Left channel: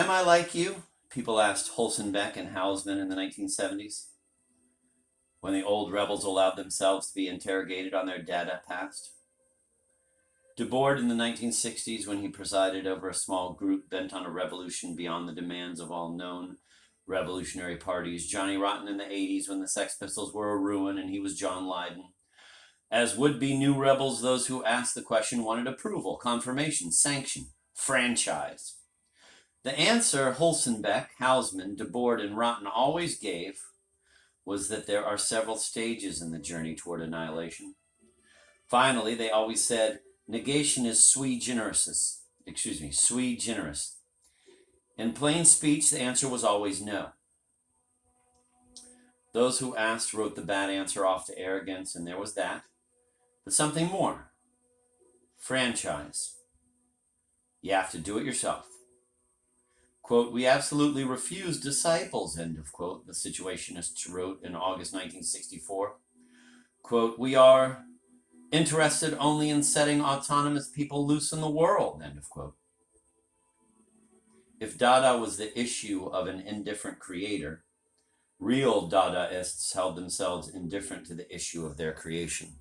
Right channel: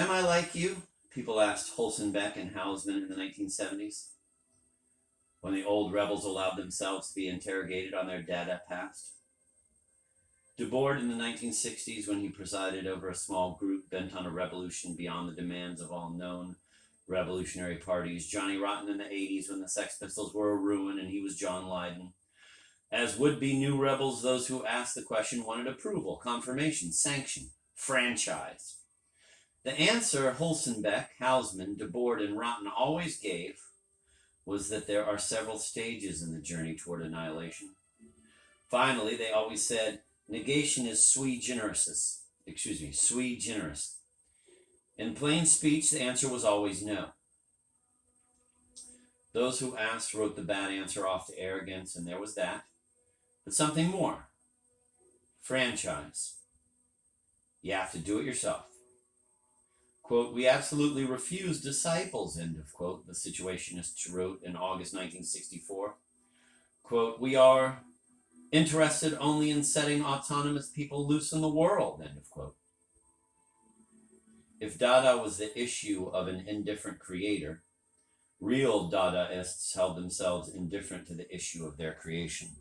Am I like you? People asked Holzenbeck and Hausmann in the 1970s, when the old rebels allowed themselves to be interrogated on their Dada past. Debord in the 1960s, when he presided over a small group bent on a revolution beyond the demands of all known revolutionary parties. Johnny Rotten in the 80s, when the Sex Pistols were a ruin and he was John Lydon. As would-be new rebels, those who asked the question wanted approval, confirmation, sanction, franchise. The answer Holzenbeck, Hausmann, Debord, and Rotten always gave was that there are several stages in the journey toward annihilation. Finally, they always said, negation is sui generis. In plain speech, the answer was always no. Those who asked wrote the bad answer off to arrogance, and there was that. But something more. Franchise. You have to do it yourself. Quote, we absolutely refuse disciples, end of quote, the Situationists wrote in August 1964. Quote, we are interested only in setting autonomous people loose in the world, end of quote. If Dada was the issue of an indifferent creator, real Dadaists held themselves indifferent to the issue of their creation.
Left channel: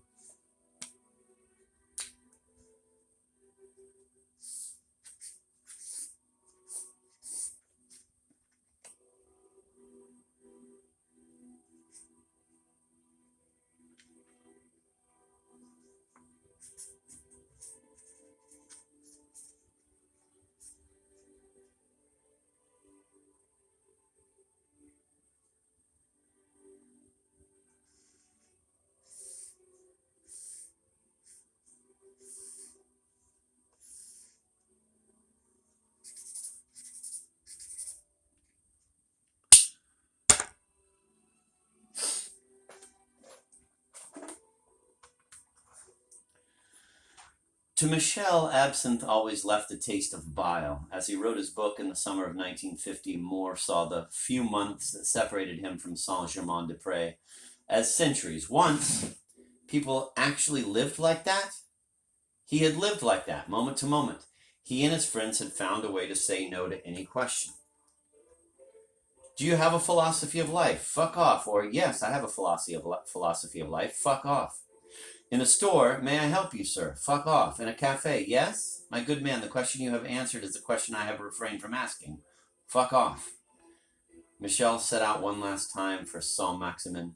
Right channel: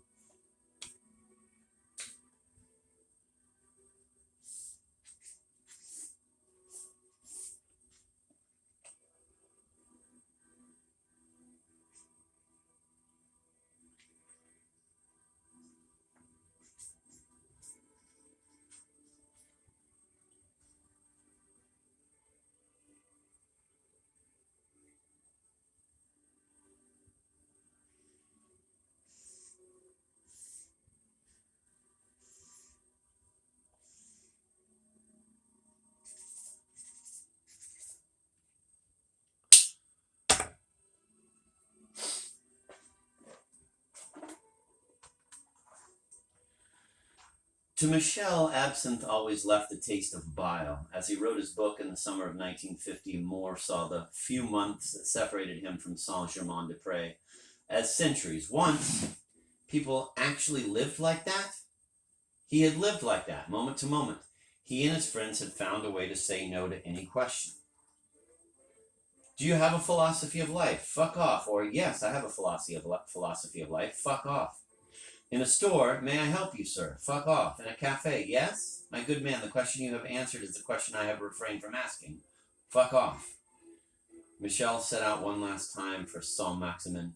To Michel, absinthe always left a taste of bile. As he wrote his book in the summer of 1950, Moore saw the few months that separated him from Saint-Germain-des-Prés as centuries. Once, people actually lived like that. He had lived like that, moment to moment. He and his friends had found a way to say no to any question. Do you have a philosophy of life? Fuck off. Or, yes, I have a philosophy of life. Fuck off. In a store, may I help you, sir? Fuck off. In a cafe, yes? My good man, the question you have answered is the question I have refrained from asking. Fuck off. Michel set out one last time for Saint-Maximin.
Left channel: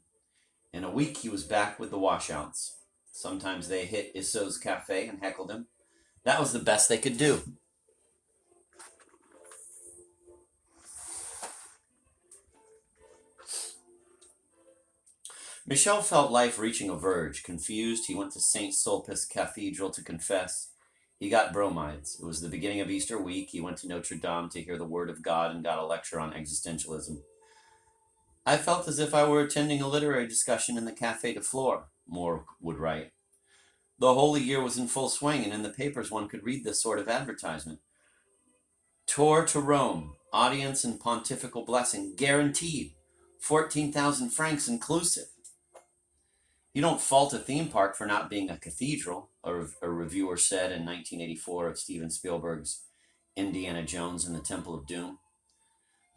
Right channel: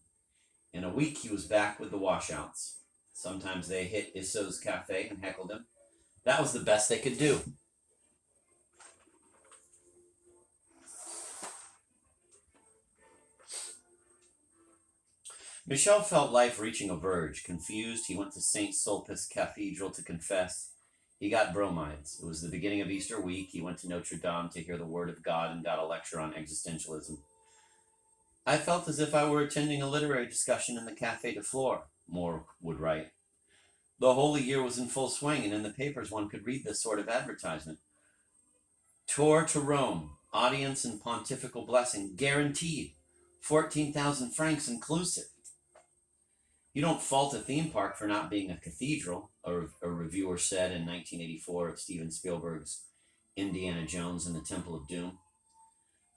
In a week, he was back with the washouts. Sometimes they hit Isso's cafe and heckled him. That was the best they could do. Michel felt life reaching a verge. Confused, he went to St. Sulpice Cathedral to confess. He got bromides. It was the beginning of Easter week. He went to Notre Dame to hear the word of God and got a lecture on existentialism. I felt as if I were attending a literary discussion in the Café de Flore, Moore would write. The Holy Year was in full swing, and in the papers one could read this sort of advertisement. Tour to Rome, audience and pontifical blessing, guaranteed, 14,000 francs inclusive. You don't fault a theme park for not being a cathedral, a reviewer said in 1984 of Steven Spielberg's Indiana Jones and the Temple of Doom.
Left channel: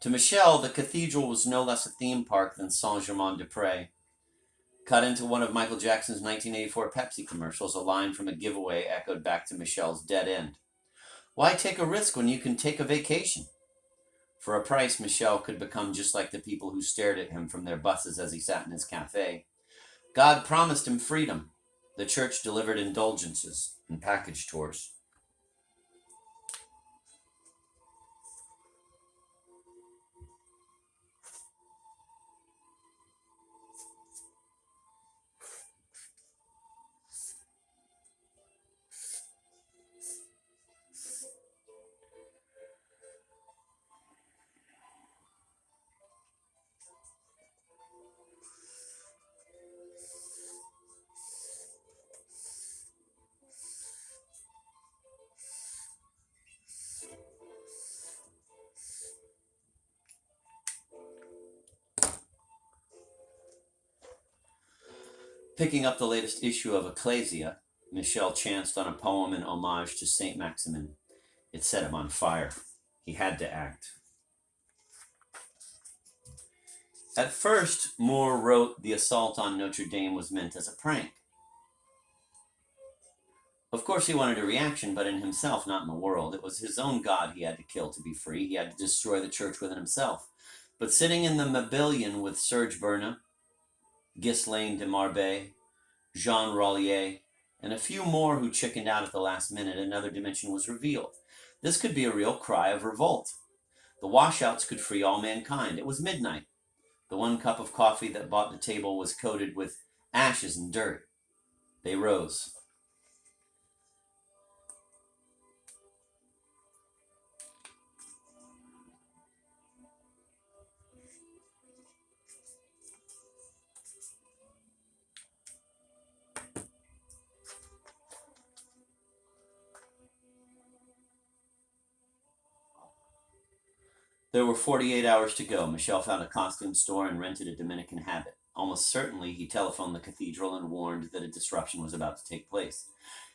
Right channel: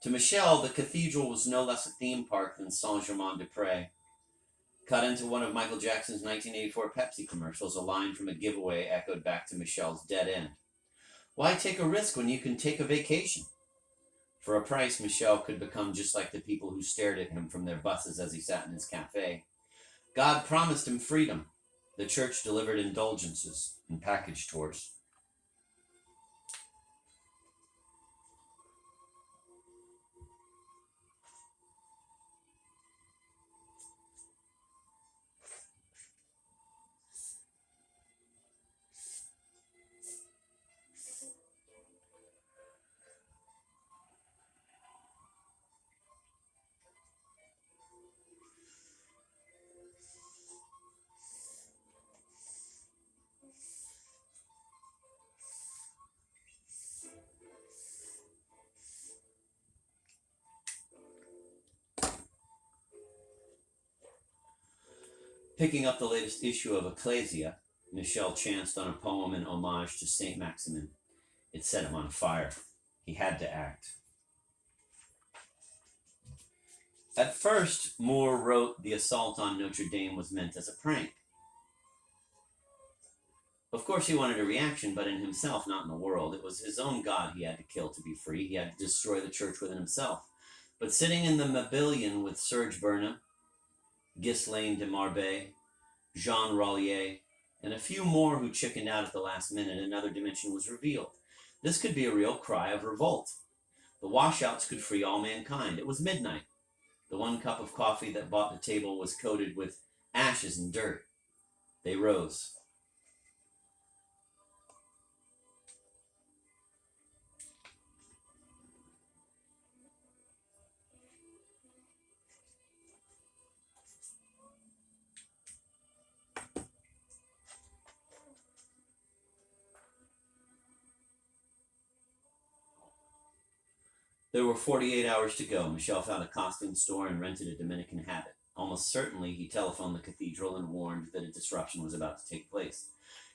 To Michel, the cathedral was no less a theme park than Saint-Germain-des-Prés. Cut into one of Michael Jackson's 1984 Pepsi commercials, a line from a giveaway echoed back to Michel's dead end. Why take a risk when you can take a vacation? For a price, Michel could become just like the people who stared at him from their buses as he sat in his cafe. God promised him freedom. The church delivered indulgences and package tours. Picking up the latest issue of Ecclesia, Michel chanced on a poem in homage to Saint Maximin. It set him on fire. He had to act. At first, Moore wrote the assault on Notre Dame was meant as a prank. Of course, he wanted a reaction, but in himself, not in the world. It was his own God he had to kill to be free. He had to destroy the church within himself. But sitting in the Mabillon with Serge Bernat, Ghislaine de Marbet, Jean Rollier, and a few more who chickened out at the last minute, another dimension was revealed. This could be a real cry of revolt. The washouts could free all mankind. It was midnight. The 1 cup of coffee that bought the table was coated with ashes and dirt. They rose. There were 48 hours to go. Michel found a costume store and rented a Dominican habit. Almost certainly, he telephoned the cathedral and warned that a disruption was about to take place.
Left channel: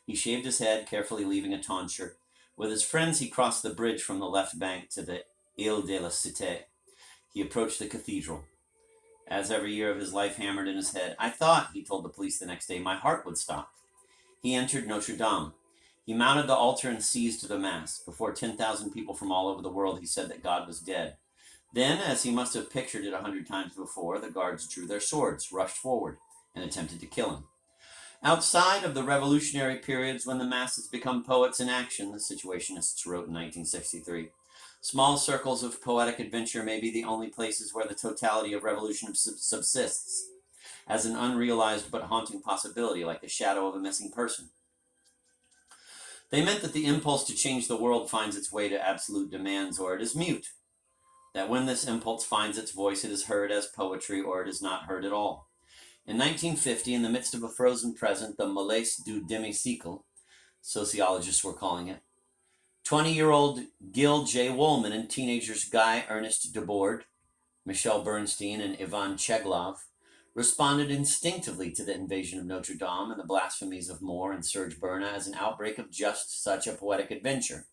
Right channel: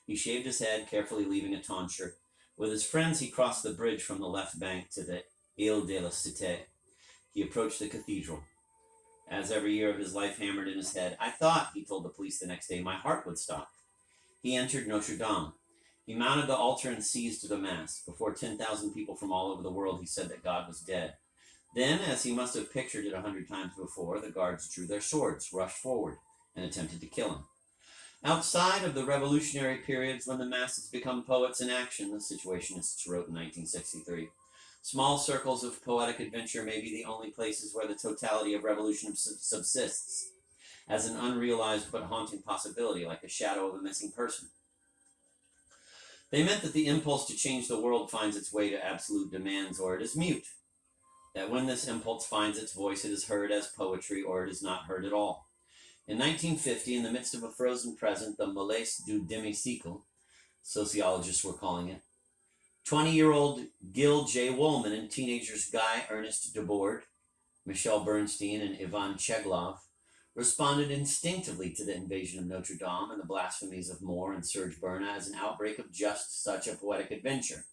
He shaved his head, carefully leaving a tonsure. With his friends, he crossed the bridge from the left bank to the Ile de la Cité. He approached the cathedral. As every year of his life hammered in his head, I thought, he told the police the next day, my heart would stop. He entered Notre Dame. He mounted the altar and seized the Mass. Before 10,000 people from all over the world, he said that God was dead. Then, as he must have pictured it 100 times before, the guards drew their swords, rushed forward, and attempted to kill him. Outside of the revolutionary periods when the masses become poets in action, the Situationists wrote in 1963, small circles of poetic adventure may be the only places where the totality of revolution subsists, as an unrealized but haunting possibility, like the shadow of a missing person. They meant that the impulse to change the world finds its way to absolute demands, or it is mute. That when this impulse finds its voice, it is heard as poetry, or it is not heard at all. In 1950, in the midst of a frozen present, the malaise du demi-siècle, sociologists were calling it, 20-year-old Gil J. Wolman and teenagers Guy Ernest Debord, Michel Bernstein, and Ivan Cheglov responded instinctively to the invasion of Notre Dame and the blasphemies of Moore and Serge Bernat as an outbreak of just such a poetic adventure.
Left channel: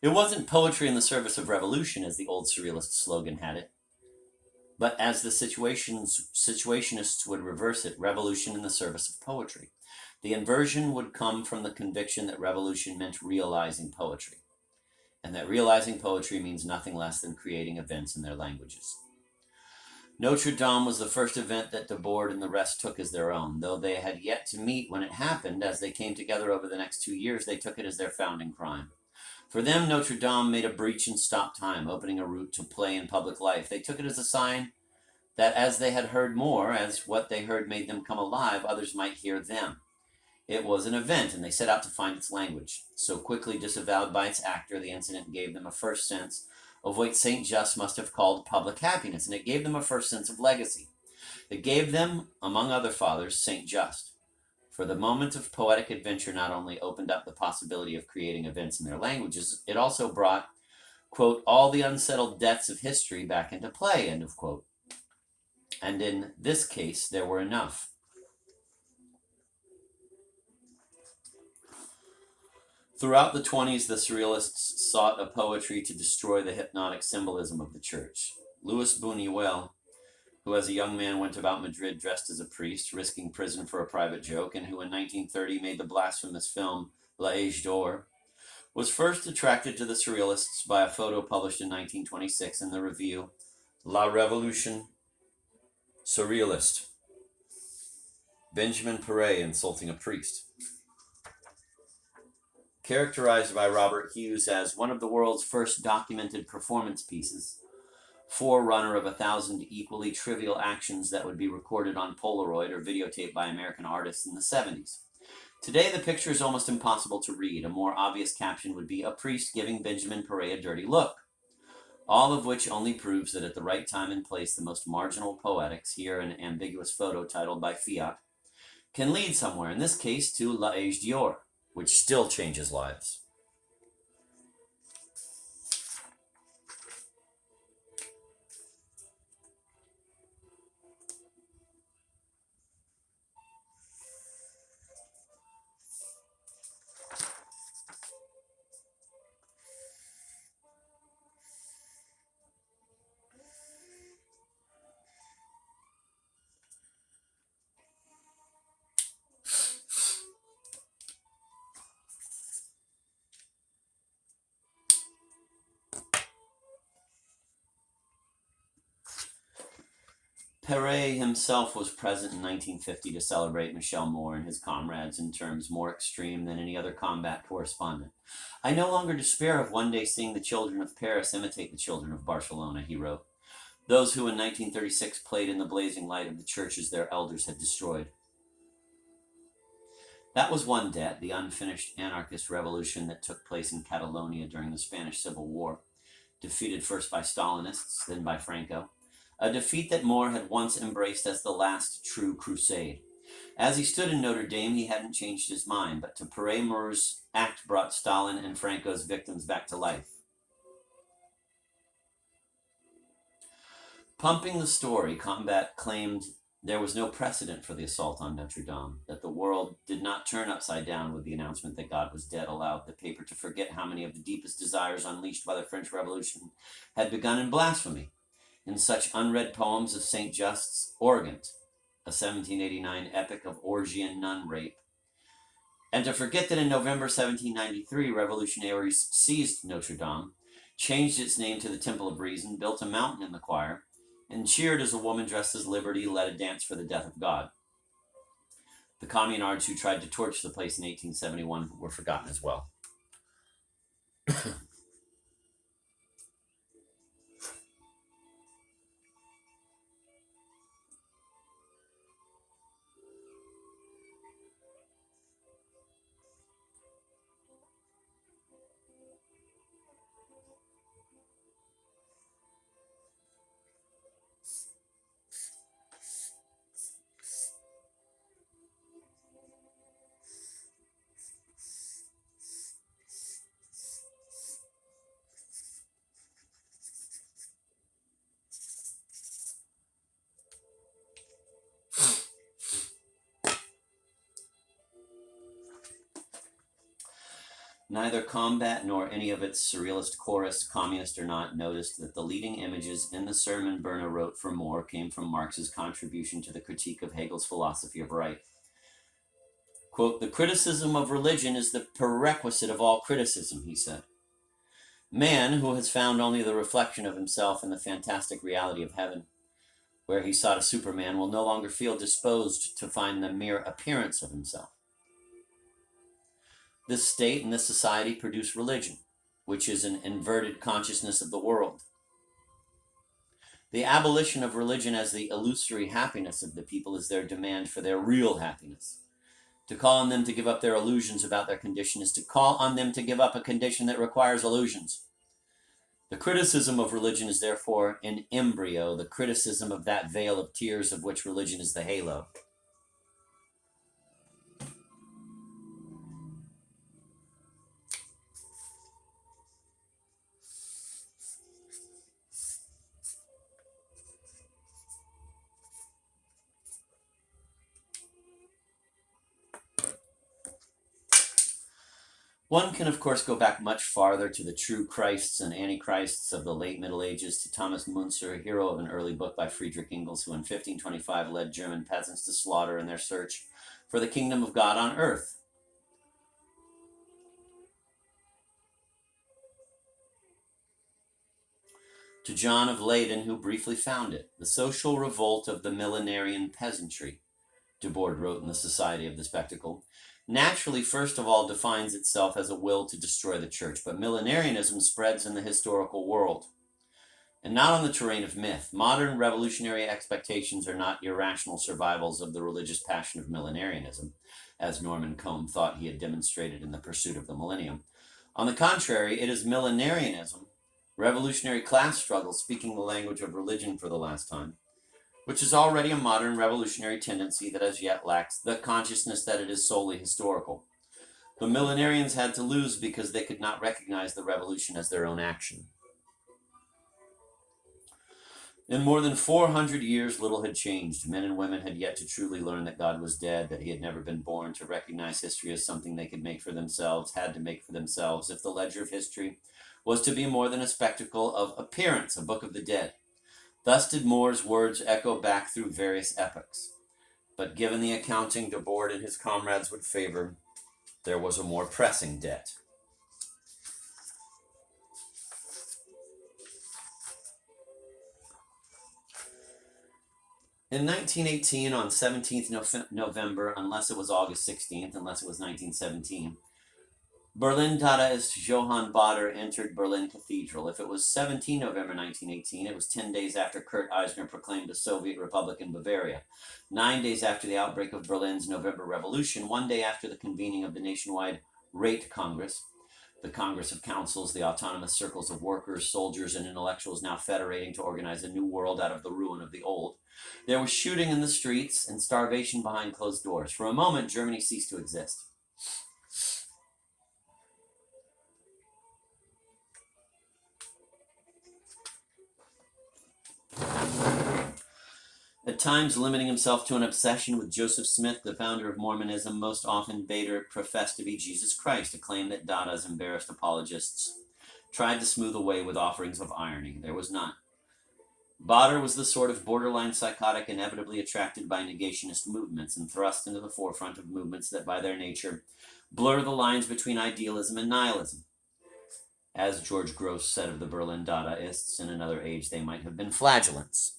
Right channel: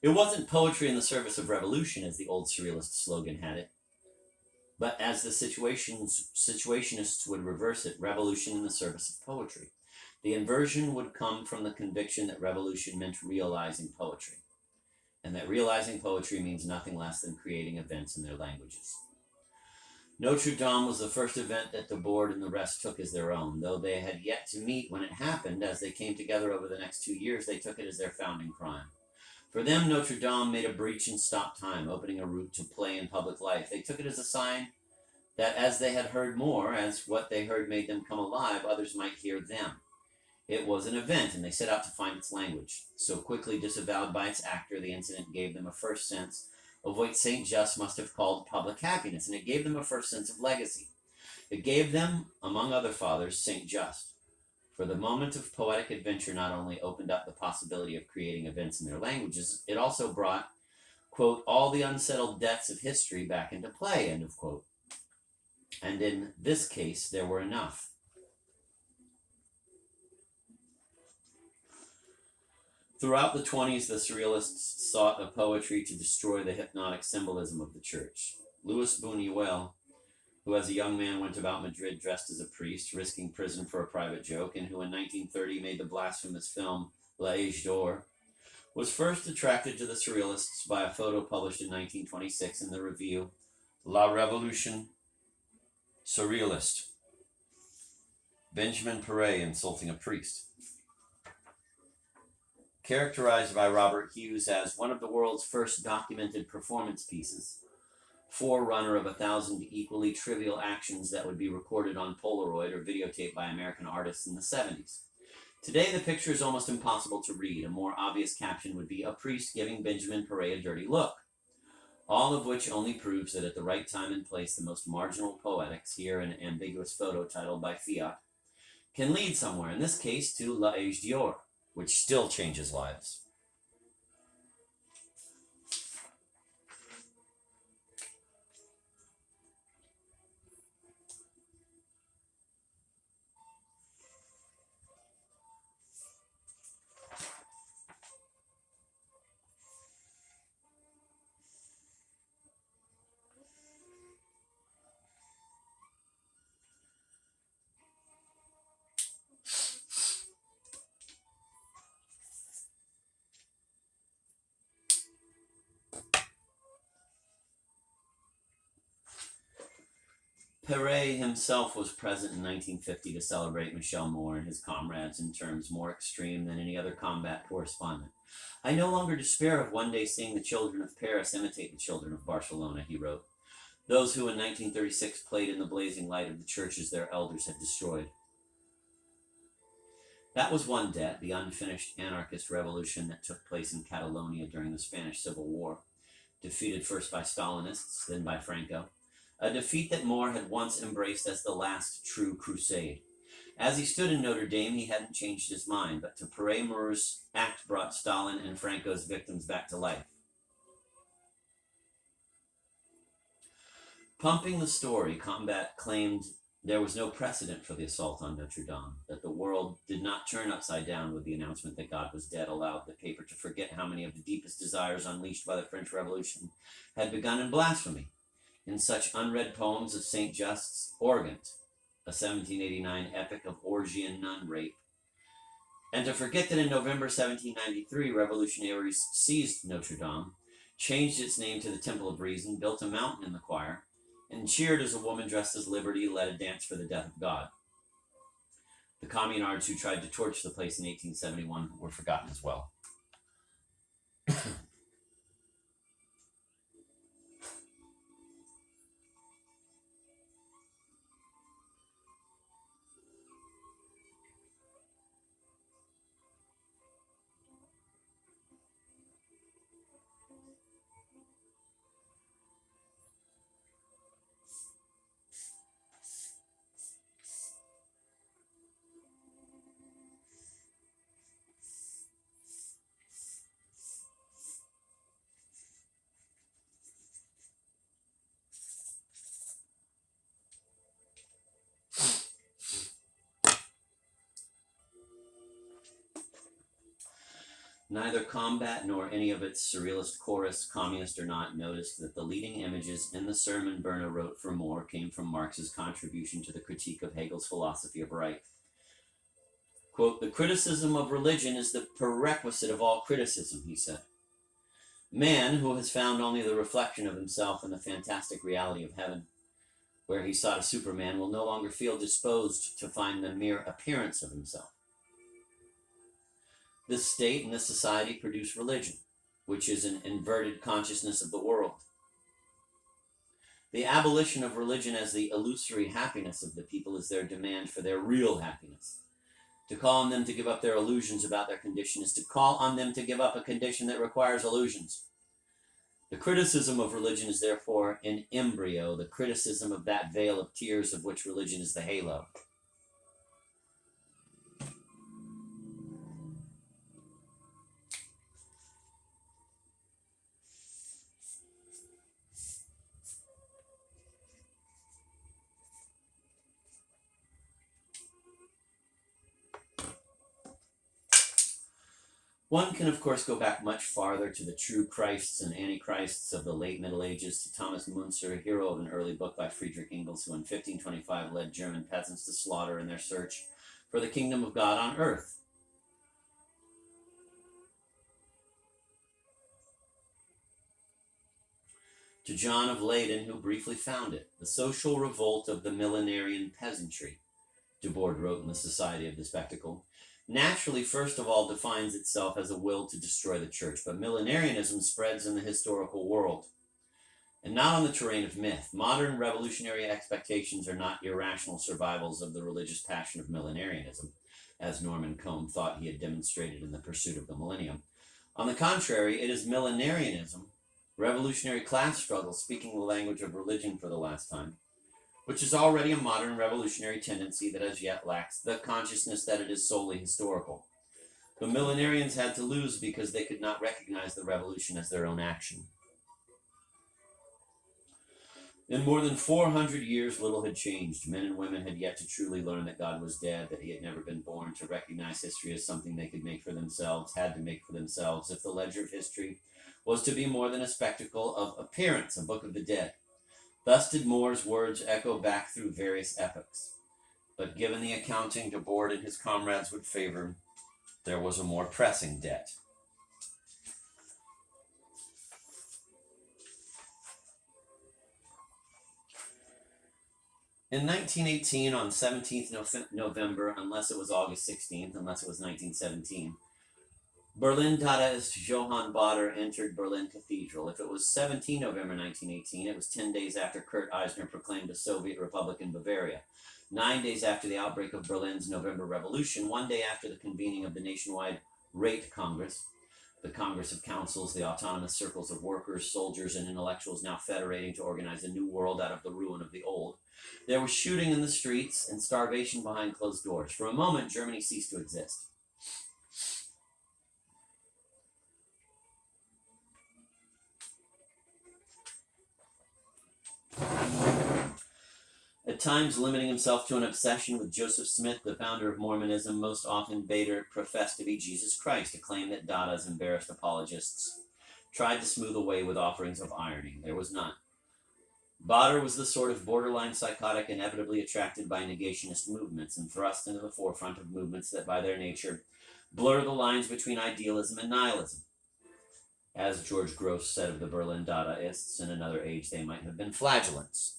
It wasn't poetry in the service of revolution, as the old surrealist slogan had it, but as the situationists would reverse it, revolution in the service of poetry. The inversion would come from the conviction that revolution meant realizing poetry, and that realizing poetry means nothing less than creating events in their languages. Notre Dame was the first event that Debord and the rest took as their own. Though they had yet to meet when it happened, as they came together over the next 2 years, they took it as their founding crime. For them, Notre Dame made a breach in stop time, opening a route to play in public life. They took it as a sign that as they had heard more, as what they heard made them come alive, others might hear them. It was an event, and they set out to find its language. So quickly disavowed by its actor, the incident gave them a first sense of what Saint Just must have called public happiness, and it gave them a first sense of legacy. It gave them, among other fathers, Saint Just. For the moment of poetic adventure not only opened up the possibility of creating events in their languages, it also brought, quote, all the unsettled debts of history back into play, end of quote. And in this case, there were enough. Throughout the 20s, the Surrealists sought a poetry to destroy the hypnotic symbolism of the church. Louis Buñuel, who as a young man went about Madrid dressed as a priest, risking prison for a private joke, and who in 1930 made the blasphemous film L'Age d'Or, was first attracted to the Surrealists by a photo published in 1926 in the review La Révolution Surrealiste, Benjamin Péret insulting a priest. Characterized by Robert Hughes as one of the world's first documented performance pieces, forerunner of 1,000 equally trivial actions that would be recorded on Polaroid or videotaped by American artists in the 70s. Today, the picture is almost impossible to read. A more obvious caption would be, a priest giving Benjamin Péret a dirty look. All of which only proves that at the right time and place, the most marginal poetics, here an ambiguous photo titled by Fiat, can lead somewhere, in this case to L'Age d'Or, which still changes lives. Perret himself was present in 1950 to celebrate Michel Moore and his comrades in terms more extreme than any other combat correspondent. I no longer despair of one day seeing the children of Paris imitate the children of Barcelona, he wrote. Those who in 1936 played in the blazing light of the churches their elders had destroyed. That was one debt, the unfinished anarchist revolution that took place in Catalonia during the Spanish Civil War, defeated first by Stalinists, then by Franco, a defeat that Moore had once embraced as the last true crusade. As he stood in Notre Dame, he hadn't changed his mind, but to Perret, Moore's act brought Stalin and Franco's victims back to life. Pumping the story, Combat claimed there was no precedent for the assault on Notre Dame, that the world did not turn upside down with the announcement that God was dead, allowed the paper to forget how many of the deepest desires unleashed by the French Revolution had begun in blasphemy, in such unread poems as St. Just's Organt, a 1789 epic of orgy and nun rape, and to forget that in November 1793, revolutionaries seized Notre Dame, changed its name to the Temple of Reason, built a mountain in the choir, and cheered as a woman dressed as Liberty led a dance for the death of God. The communards who tried to torch the place in 1871 were forgotten as well. Neither Combat nor any of its surrealist chorus, communist or not, noticed that the leading images in the sermon Bernah wrote for Moore came from Marx's contribution to the critique of Hegel's philosophy of right. Quote, "The criticism of religion is the prerequisite of all criticism," he said. Man, who has found only the reflection of himself in the fantastic reality of heaven, where he sought a Superman, will no longer feel disposed to find the mere appearance of himself. This state and this society produce religion, which is an inverted consciousness of the world. The abolition of religion as the illusory happiness of the people is their demand for their real happiness. To call on them to give up their illusions about their condition is to call on them to give up a condition that requires illusions. The criticism of religion is therefore an embryo, the criticism of that veil of tears of which religion is the halo. One can, of course, go back much farther to the true Christs and antichrists of the late Middle Ages, to Thomas Müntzer, hero of an early book by Friedrich Engels, who in 1525 led German peasants to slaughter in their search for the kingdom of God on earth. To John of Leyden, who briefly found it, the social revolt of the millenarian peasantry, Debord wrote in the Society of the Spectacle, naturally, first of all, defines itself as a will to destroy the church, but millenarianism spreads in the historical world, and not on the terrain of myth. Modern revolutionary expectations are not irrational survivals of the religious passion of millenarianism, as Norman Cohn thought he had demonstrated in The Pursuit of the Millennium. On the contrary, it is millenarianism, revolutionary class struggle speaking the language of religion for the last time, which is already a modern revolutionary tendency that as yet lacks the consciousness that it is solely historical. The millenarians had to lose because they could not recognize the revolution as their own action. In more than 400 years, little had changed. Men and women had yet to truly learn that God was dead, that he had never been born, to recognize history as something they could make for themselves, had to make for themselves, if the ledger of history was to be more than a spectacle of appearance, a book of the dead. Thus did Moore's words echo back through various epochs. But given the accounting Debord and his comrades would favor, there was a more pressing debt. In 1918, on 17th November, unless it was August 16th, unless it was 1917, Berlin Dadaist Johann Baader entered Berlin Cathedral. If it was 17 November 1918, it was 10 days after Kurt Eisner proclaimed a Soviet Republic in Bavaria, 9 days after the outbreak of Berlin's November Revolution, 1 day after the convening of the nationwide Rate Congress, the Congress of Councils, the autonomous circles of workers, soldiers, and intellectuals now federating to organize a new world out of the ruin of the old. There was shooting in the streets and starvation behind closed doors. For a moment, Germany ceased to exist. At times limiting himself to an obsession with Joseph Smith, the founder of Mormonism, most often Baader professed to be Jesus Christ, a claim that Dada's embarrassed apologists tried to smooth away with offerings of irony. There was none. Baader was the sort of borderline psychotic inevitably attracted by negationist movements and thrust into the forefront of movements that by their nature blur the lines between idealism and nihilism. As George Grosz said of the Berlin Dadaists, in another age they might have been flagellants.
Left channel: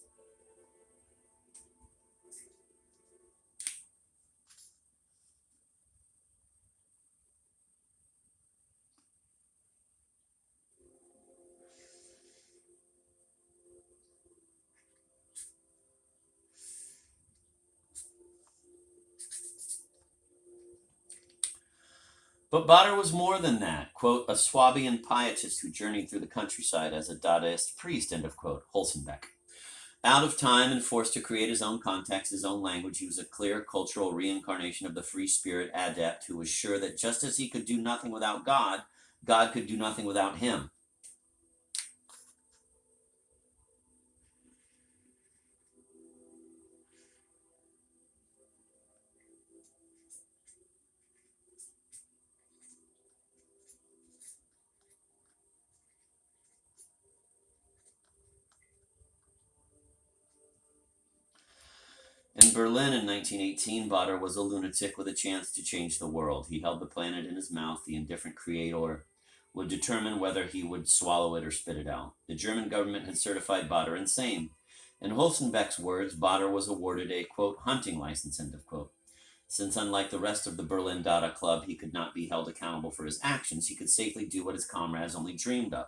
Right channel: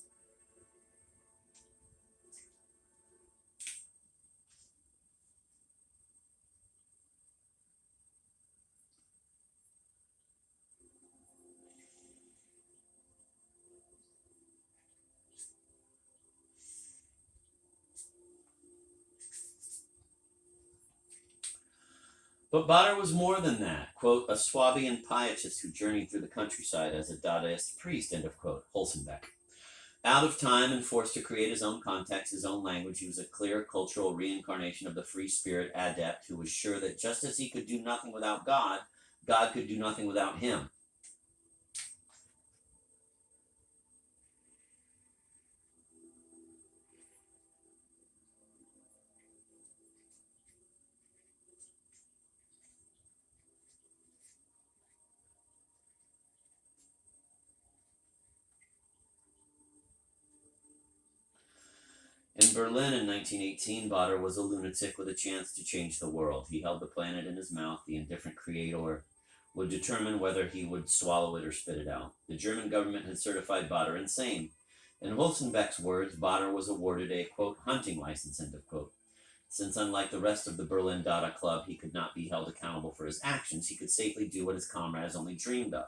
But Baader was more than that, quote, a Swabian pietist who journeyed through the countryside as a Dadaist priest, end of quote, Holzenbeck. Out of time and forced to create his own context, his own language, he was a clear cultural reincarnation of the free spirit adept who was sure that just as he could do nothing without God, God could do nothing without him. In Berlin in 1918, Baader was a lunatic with a chance to change the world. He held the planet in his mouth. The indifferent creator would determine whether he would swallow it or spit it out. The German government had certified Baader insane. In Holzenbeck's words, Baader was awarded a, quote, hunting license, end of quote. Since unlike the rest of the Berlin Dada Club, he could not be held accountable for his actions, he could safely do what his comrades only dreamed of.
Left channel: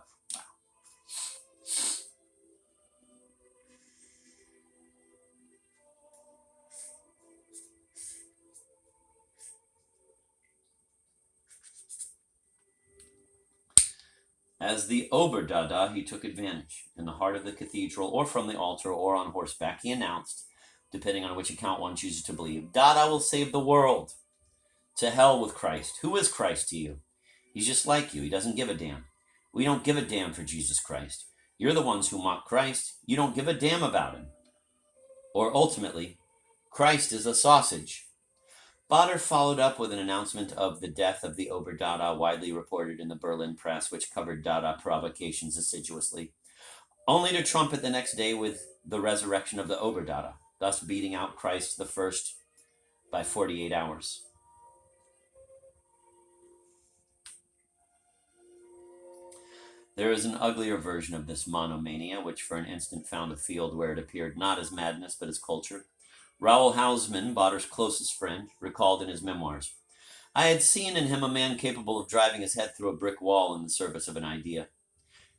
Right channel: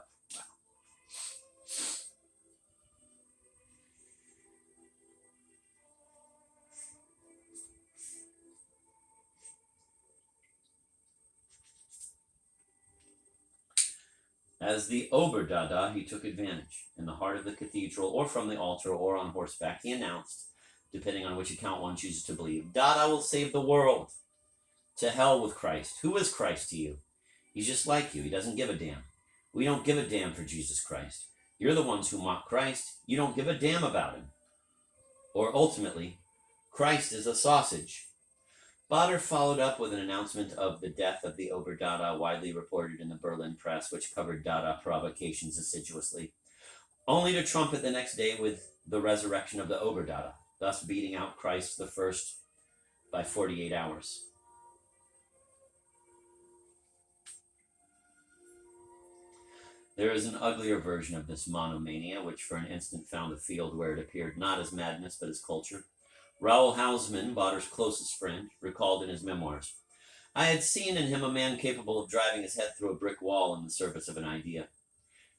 As the Oberdada, he took advantage. In the heart of the cathedral, or from the altar, or on horseback, he announced, depending on which account one chooses to believe, Dada will save the world. To hell with Christ. Who is Christ to you? He's just like you. He doesn't give a damn. We don't give a damn for Jesus Christ. You're the ones who mock Christ. You don't give a damn about him. Or ultimately, Christ is a sausage. Baader followed up with an announcement of the death of the Oberdada, widely reported in the Berlin press, which covered Dada provocations assiduously, only to trumpet the next day with the resurrection of the Oberdada, thus beating out Christ the first by 48 hours. There is an uglier version of this monomania, which for an instant found a field where it appeared not as madness but as culture. Raoul Hausmann, Baader's closest friend, recalled in his memoirs, I had seen in him a man capable of driving his head through a brick wall in the service of an idea.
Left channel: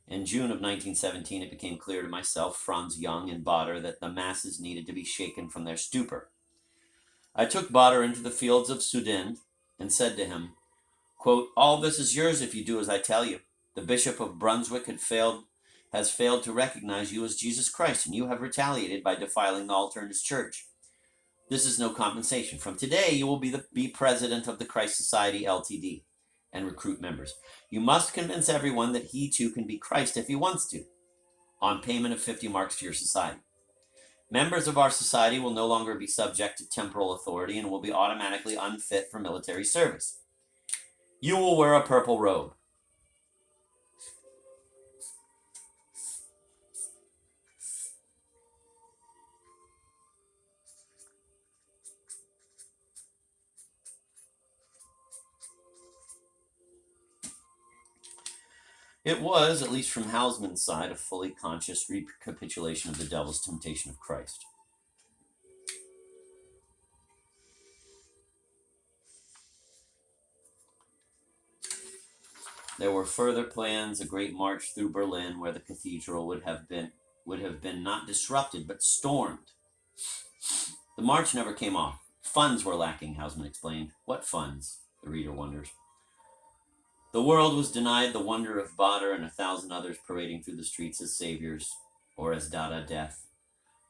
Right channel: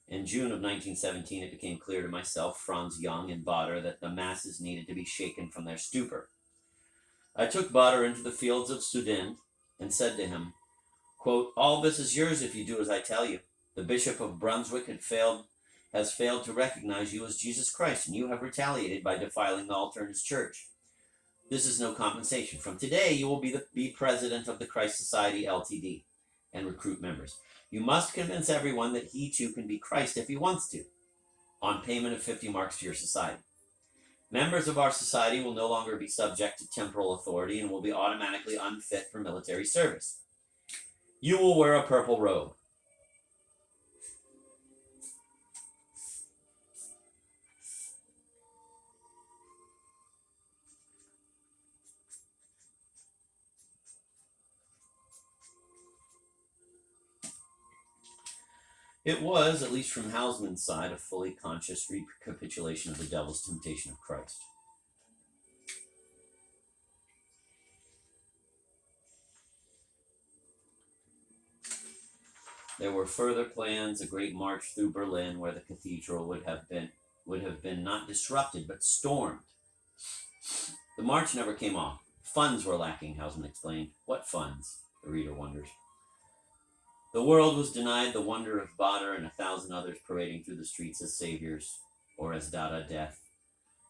In June of 1917, it became clear to myself, Franz Young, and Baader that the masses needed to be shaken from their stupor. I took Baader into the fields of Sudend and said to him, quote, all this is yours if you do as I tell you. The Bishop of Brunswick has failed to recognize you as Jesus Christ, and you have retaliated by defiling the altar in his church. This is no compensation. From today, you will be president of the Christ Society Ltd. And recruit members. You must convince everyone that he too can be Christ if he wants to, on payment of 50 marks to your society. Members of our society will no longer be subject to temporal authority and will be automatically unfit for military service. You will wear a purple robe. It was, at least from Hausmann's side, a fully conscious recapitulation of the devil's temptation of Christ. There were further plans, a great march through Berlin where the cathedral would have been not disrupted but stormed. The march never came off. Funds were lacking, Hausmann explained. What funds? The reader wonders. The world was denied the wonder of Bader and 1,000 others parading through the streets as saviors, or as Dada death.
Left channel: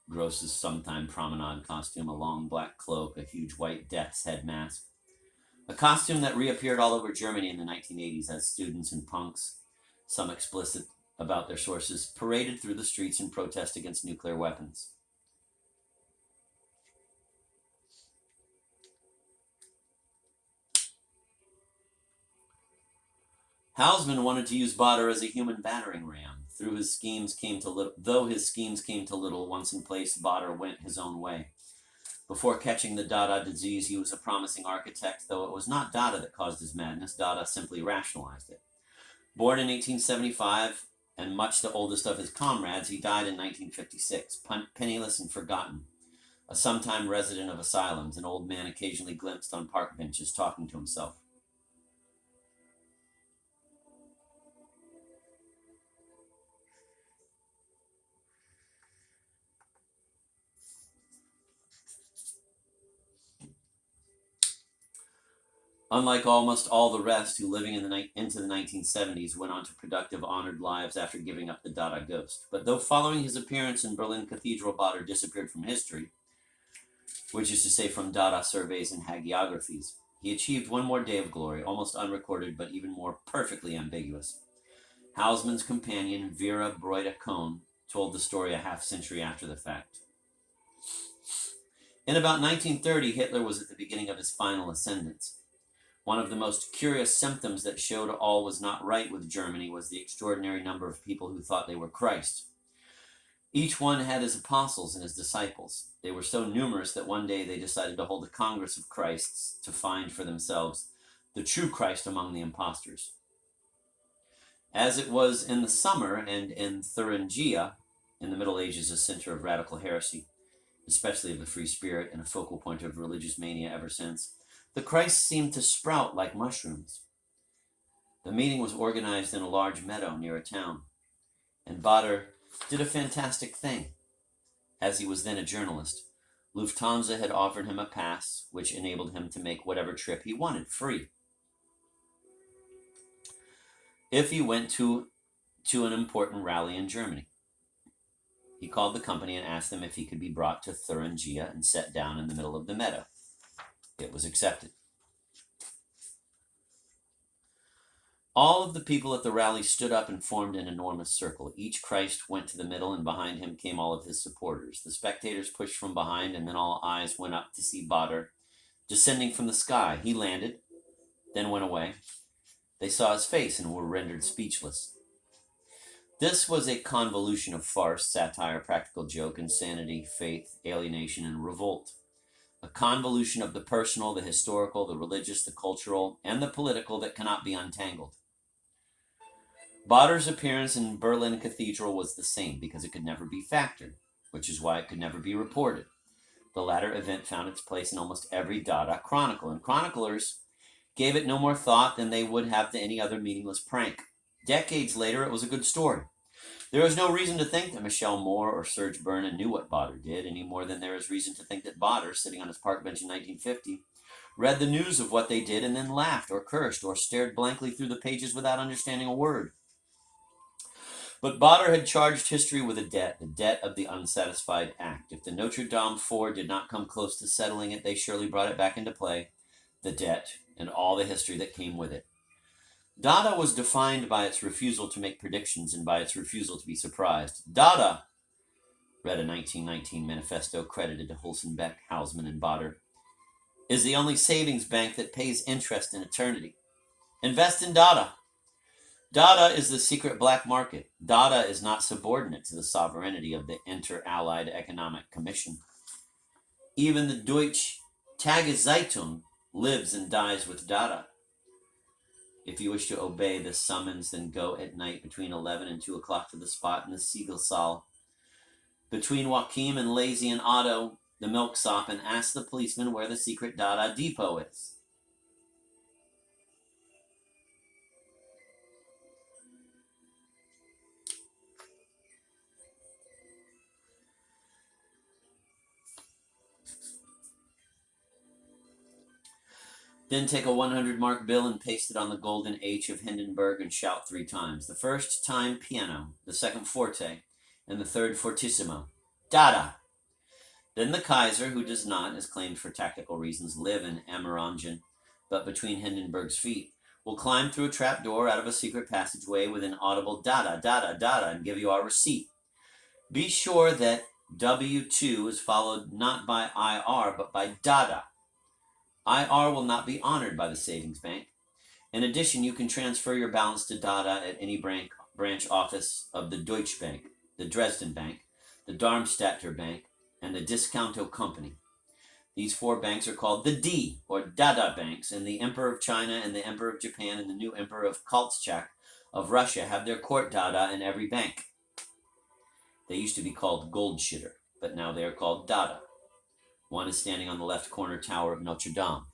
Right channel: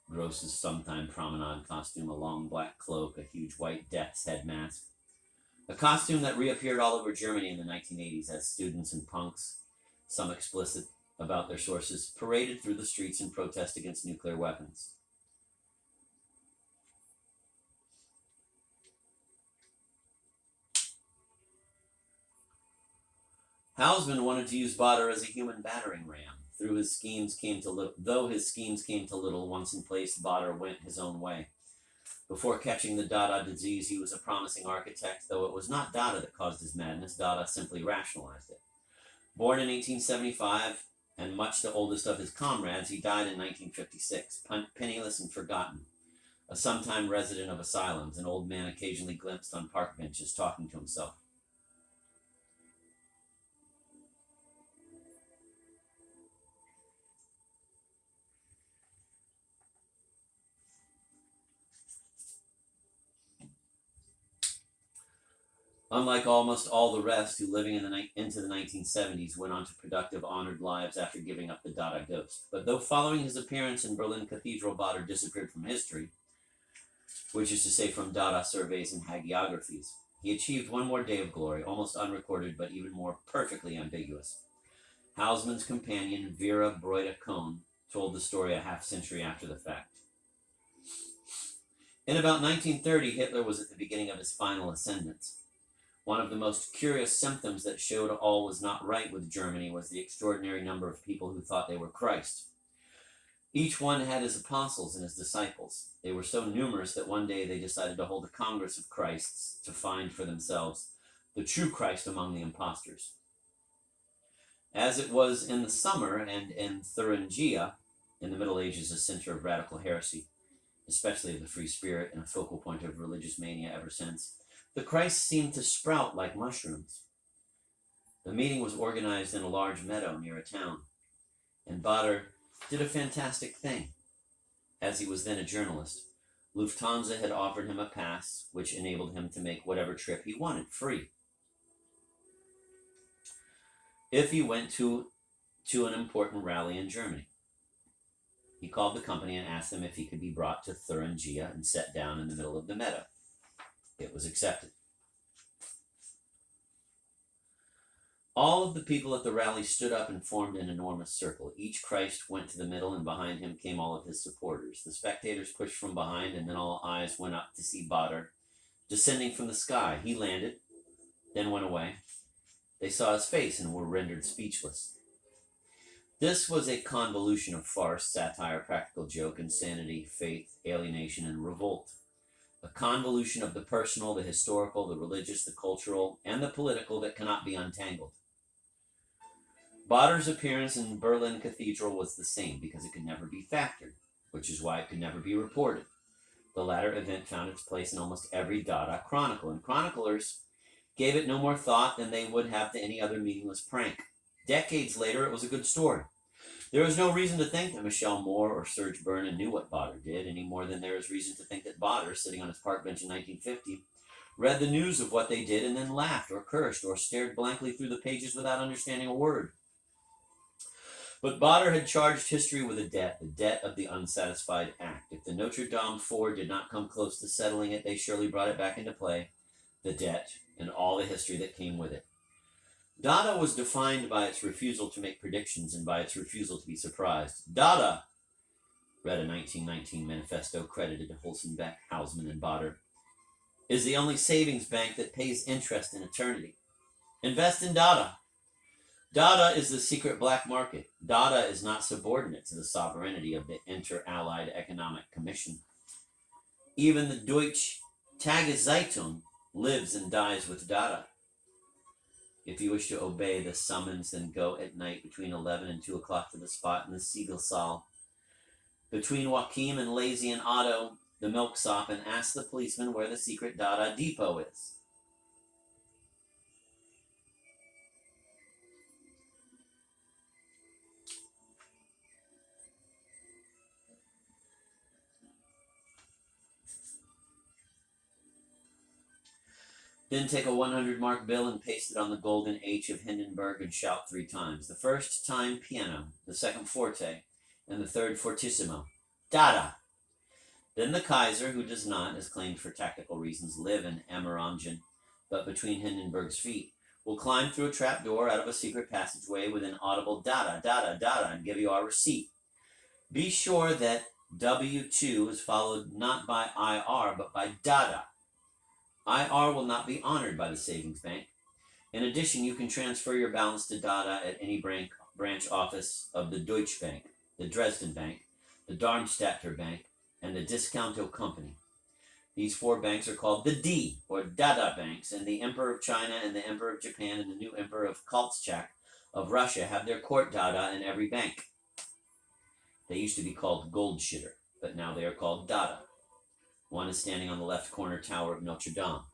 Gross's sometime promenade costume, a long black cloak, a huge white death's head mask. A costume that reappeared all over Germany in the 1980s as students and punks, some explicit about their sources, paraded through the streets in protest against nuclear weapons. Hausmann wanted to use Bader as a human battering ram. Though his schemes came to little, once in place, Bader went his own way. Before catching the Dada disease, he was a promising architect, though it was not Dada that caused his madness. Dada simply rationalized it. Born in 1875, and much the oldest of his comrades, he died in 1956, penniless and forgotten. A sometime resident of asylums, an old man occasionally glimpsed on park benches talking to himself. Unlike almost all the rest who, living into the 1970s, went on to productive, honored lives after giving up the Dada ghost. But though following his appearance in Berlin Cathedral, Bader disappeared from history, which is to say from Dada surveys and hagiographies, he achieved one more day of glory, almost unrecorded but even more perfectly ambiguous. Hausmann's companion, Vera Breuder-Kohn, told the story a half-century after the fact. In about 1930, Hitler was at the beginning of his final ascendance. One of the most curious symptoms that showed all was not right with Germany was the extraordinary number of people who thought they were Christ. Each one had his apostles and his disciples. They were so numerous that one day they decided to hold a Congress of Christs to find for themselves the true Christ among the impostors. As it was in the summer and in Thuringia, in the Middle Ages a center of radical heresy, especially of the free spirit and a focal point of religious mania ever since, the Christ seemed to sprout like mushrooms. The meeting was organized in a large meadow near a town, and Bader did a fantastic thing. As he was then a journalist, Lufthansa had offered him a pass which enabled him to make whatever trip he wanted free. If he went to an important rally in Germany, he called the company and asked them if he could be brought to Thuringia and set down in the middle of the meadow. It was accepted. All of the people at the rally stood up and formed an enormous circle. Each Christ went to the middle, and behind him came all of his supporters. The spectators pushed from behind, and then all eyes went up to see Bader descending from the sky. He landed, then went away. They saw his face and were rendered speechless. This was a convolution of farce, satire, practical joke, insanity, faith, alienation, and revolt. A convolution of the personal, the historical, the religious, the cultural, and the political that cannot be untangled. Bader's appearance in Berlin Cathedral was the same because it could never be factored, which is why it could never be reported. The latter event found its place in almost every Dada chronicle, and chroniclers gave it no more thought than they would have to any other meaningless prank. Decades later, it was a good story. There is no reason to think that Michel Moore or Serge Bernin knew what Bader did, any more than there is reason to think that Bader, sitting on his park bench in 1950, read the news of what they did and then laughed or cursed or stared blankly through the pages without understanding a word. But Bader had charged history with a debt, the debt of the unsatisfied act. If the Notre Dame Four did not come close to settling it, they surely brought it back into play, the debt, and all the history that came with it. Dada was defined by its refusal to make predictions and by its refusal to be surprised. Dada, read a 1919 manifesto credited to Holzenbeck, Hausmann, and Bader, is the only savings bank that pays interest in eternity. Invest in Dada. Dada is the secret black market. Dada is not subordinate to the sovereignty of the Inter-Allied Economic Commission. Even the Deutsche Tageszeitung lives and dies with Dada. If you wish to obey the summons, then go at night between 11 and 2 o'clock to the spot in the Siegelsaal between Joachim and Lazy and Otto, the milksop, and ask the policeman where the secret Dada depot is. Then take a 100 mark bill and paste it on the golden H of Hindenburg and shout 3 times. The first time piano, the second forte, and the third fortissimo. Dada! Then the Kaiser, who does not, as claimed for tactical reasons, live in Amerongen, but between Hindenburg's feet, will climb through a trap door out of a secret passageway with an audible dada, dada, dada, and give you our receipt. Be sure that W2 is followed not by IR, but by dada. IR will not be honored by the savings bank. In addition, you can transfer your balance to Dada at any branch office of the Deutsche Bank, the Dresden Bank, the Darmstadter Bank, and the Discounto Company. These 4 banks are called the D, or Dada banks, and the Emperor of China and the Emperor of Japan and the new Emperor of Kolchak of Russia have their court Dada in every bank. They used to be called Goldschütter, but now they are called Dada. One is standing on the left corner tower of Notre Dame.